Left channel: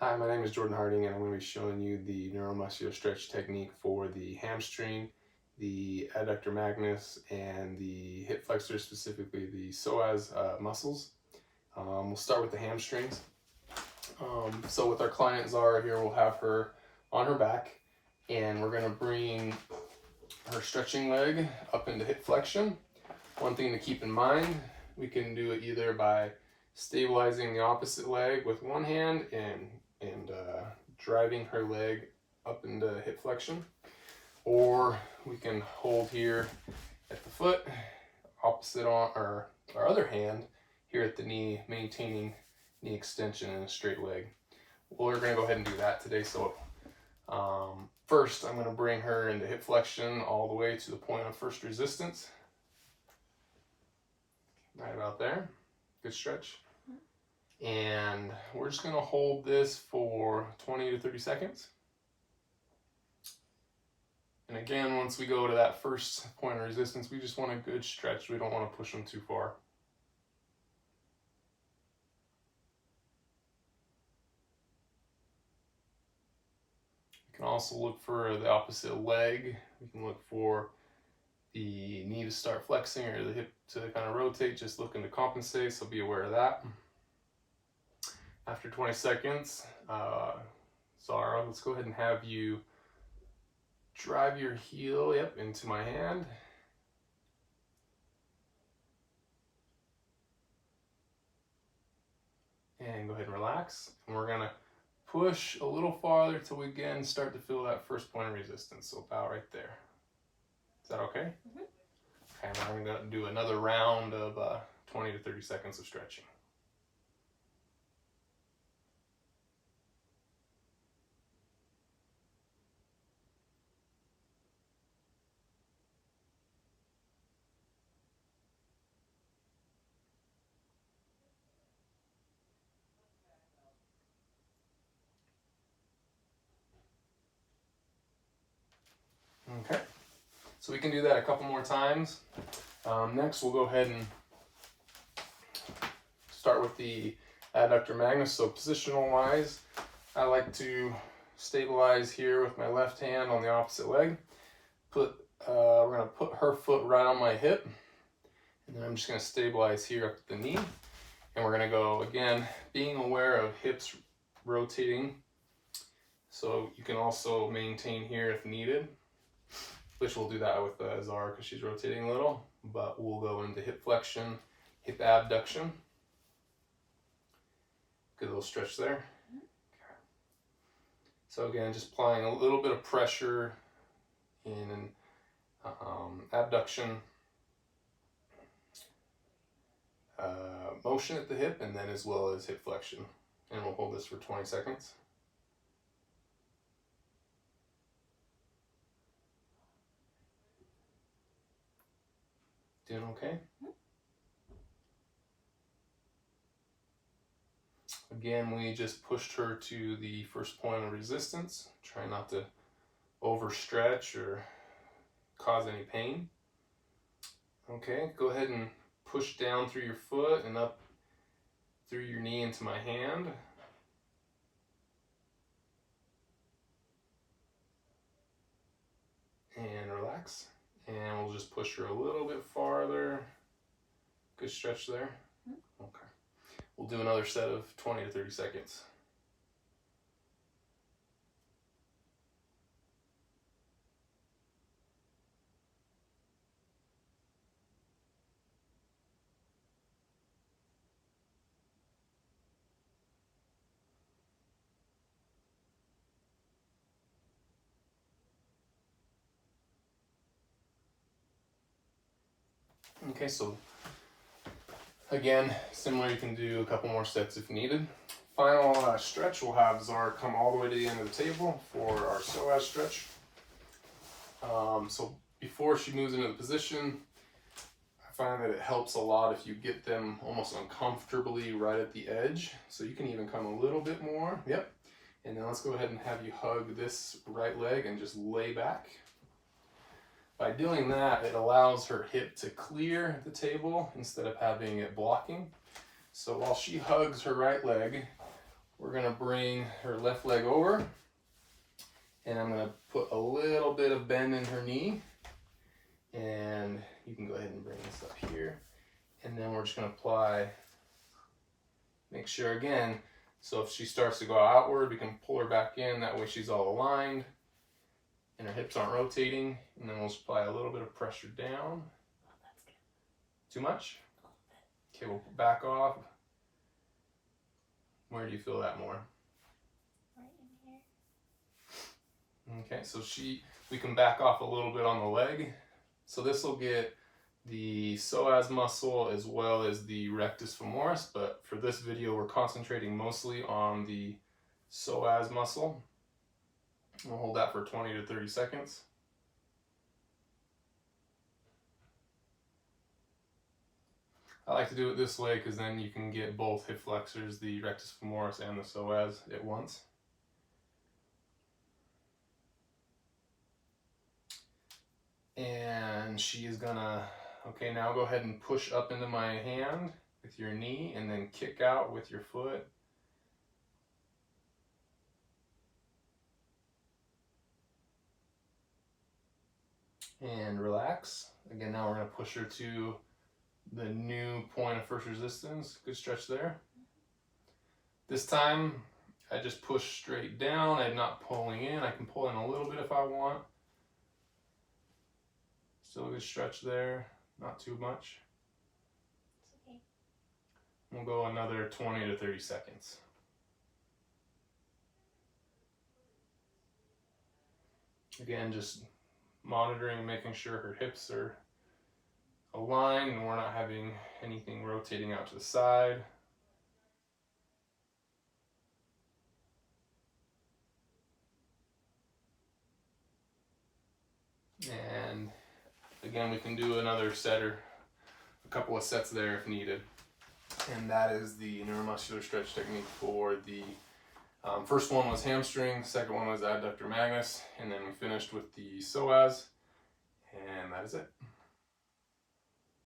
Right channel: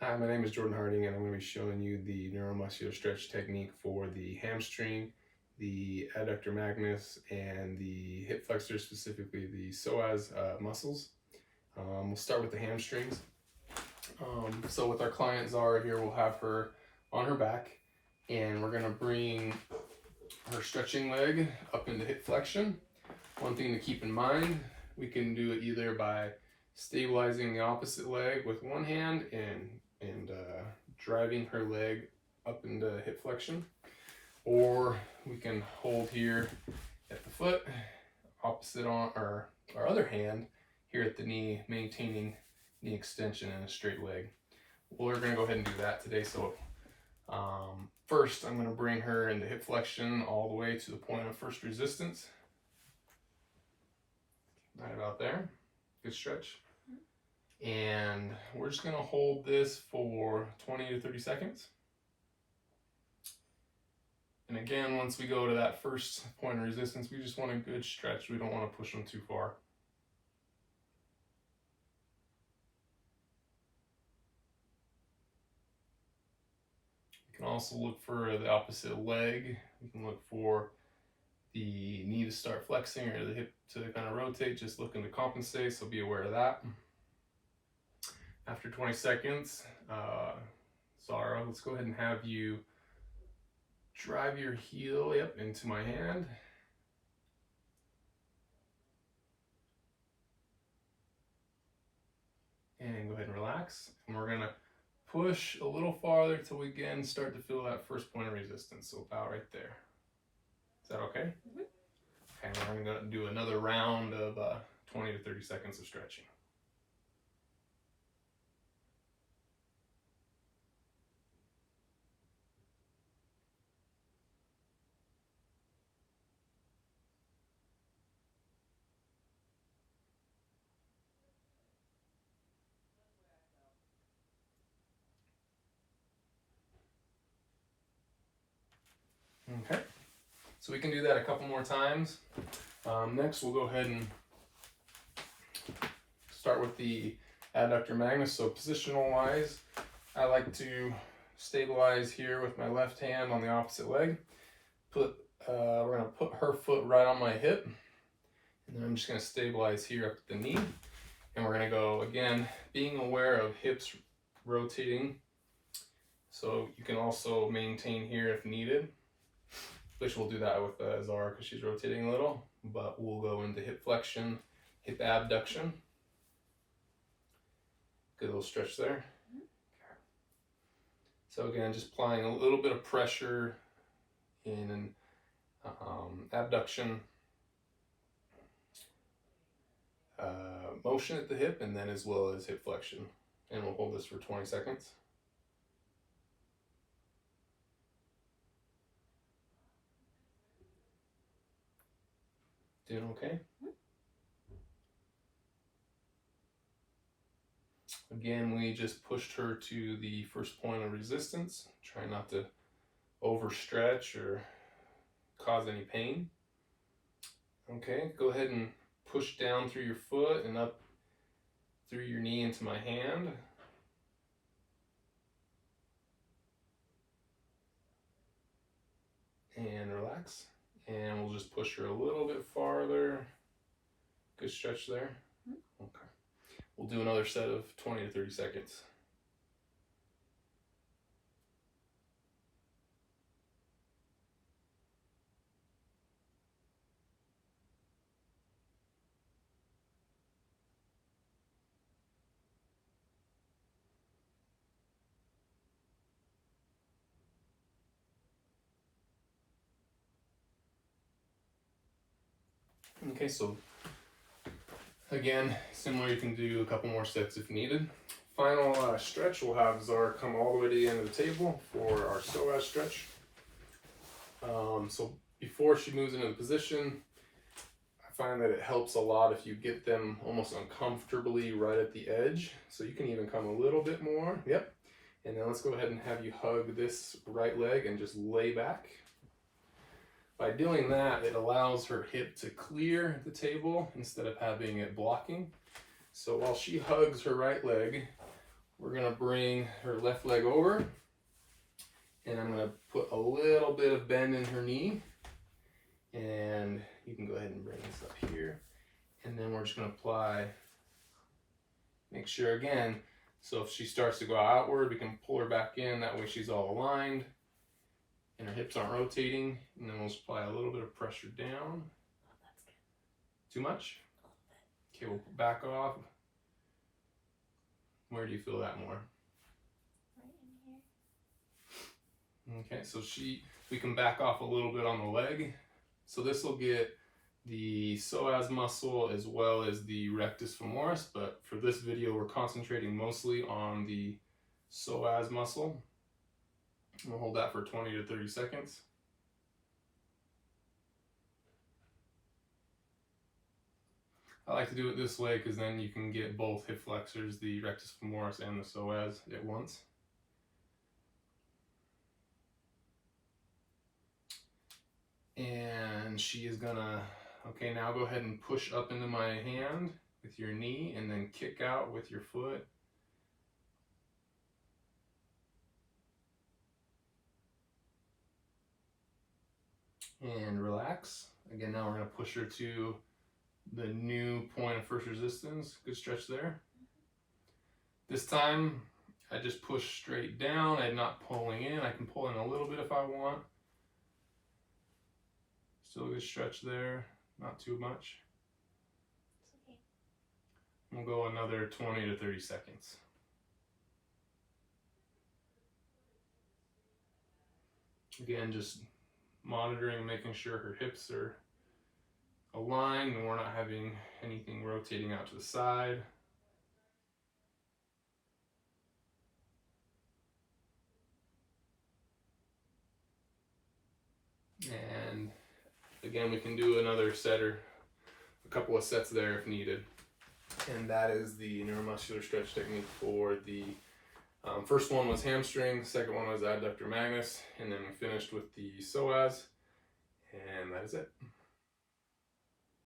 Hi, my name is Jordan Harding, and I'm going to be showing you the neuromuscular stretch technique for the hamstring, the adductor magnus, and the hip flexor, specifically the psoas muscles. We'll start with the hamstrings. So with our client Zara here, we'll have her on her back, and we're going to bring her stretching leg up into hip flexion. One thing to keep in mind, we can do it either by stabilizing the opposite leg with one hand and driving her leg up into hip flexion, or we can hold here at the foot, opposite on our other hand here at the knee, maintaining knee extension and a straight leg. Well, we're going to go ahead and do that today. So first I'm going to bring her into hip flexion all the way to the point of first resistance, right about there. Good stretch. And we're just going to hold this for 20 to 30 seconds. And again, once we go to that first point of resistance, we just want a good stretch. We don't want to push them too far. We can also look for the opposite leg. We can look for the knee to start flexing or the hip to kind of rotate, just looking to compensate, so be aware of that. After 20 seconds, Zara, let's go ahead and have you drive your heel into my hand. And go ahead and relax. And we're going to push a little farther till we again start to feel that first point of resistance. So about right there. Is that okay? Mm-hmm. Okay, we're going to do another round of 20 to 30 seconds of stretching. Okay, so we can do that a couple more times. Next, we'll go ahead and start with the adductor magnus. So positional wise, I like to stabilize here with my left hand on the opposite leg. We're going to put her foot right on my hip, and then I'm just going to stabilize here up at the knee. And we're going to go again, being aware of hips rotating. So you can also maintain here if needed, which we'll do that with Zara because she's rotating a little, but we'll go into hip flexion, hip abduction. Good little stretch there. Okay. So again, just applying a little bit of pressure in an abduction motion at the hip, and then as well as hip flexion. And we'll hold this for 20 seconds. Doing okay? Again, we just pushed her to the first point of resistance. Try not to overstretch or cause any pain. Okay, go ahead and push down through your foot and up through your knee into my hand. And relax. And we'll just push her a little bit farther. Good stretch there. Okay. We'll do another set of 20 to 30 seconds. Okay, so again, similar, you can do a couple more sets if needed. Final stretch, we'll have Zara come all the way to the end of the table for our psoas stretch. So before she moves into the position, I find that it helps a lot if you get them almost uncomfortably right at the edge. So you can even come a little bit more. Yep. And then let's go ahead and have you hug this right leg and just lay back. By doing that, it allows her hip to clear the table instead of having it blocking. So while she hugs her right leg, we're gonna bring her left leg over, and I'm gonna put a little bit of bend in her knee, and you can go ahead and bring this up here, and then we're just gonna apply, make sure again, so if she starts to go outward, we can pull her back in, that way she's all aligned, and her hips aren't rotating, and then we'll just apply a little bit of pressure down. Too much? Okay, we'll back off. Where do you feel that more? Right in here. Okay, so we can back off a little bit on the leg. So this will get the psoas muscle as well as the rectus femoris, but for this video we're concentrating mostly on the psoas muscle. We'll hold that for 20 to 30 seconds. I like to do it this way because then you can get both hip flexors, the rectus femoris and the psoas at once. And she is gonna, okay, now go ahead and push up into my hand with your knee and then kick out with your foot. And relax. Again, now we're gonna push her to the new point of first resistance. Good stretch there. This time, I just push straight down. I'm not pulling in. I can pull in a little bit if I want. Still a good stretch there, not too much. It's okay. We'll go another 20 to 30 seconds. Again, just monitoring, making sure her hips are aligned and we're not having anything rotating out to the side. And again, we can do another set or a couple of sets there if needed. And that is the neuromuscular stretch technique for the first one was hamstring, second one was adductor magnus, and then we finished with the psoas, and that is it.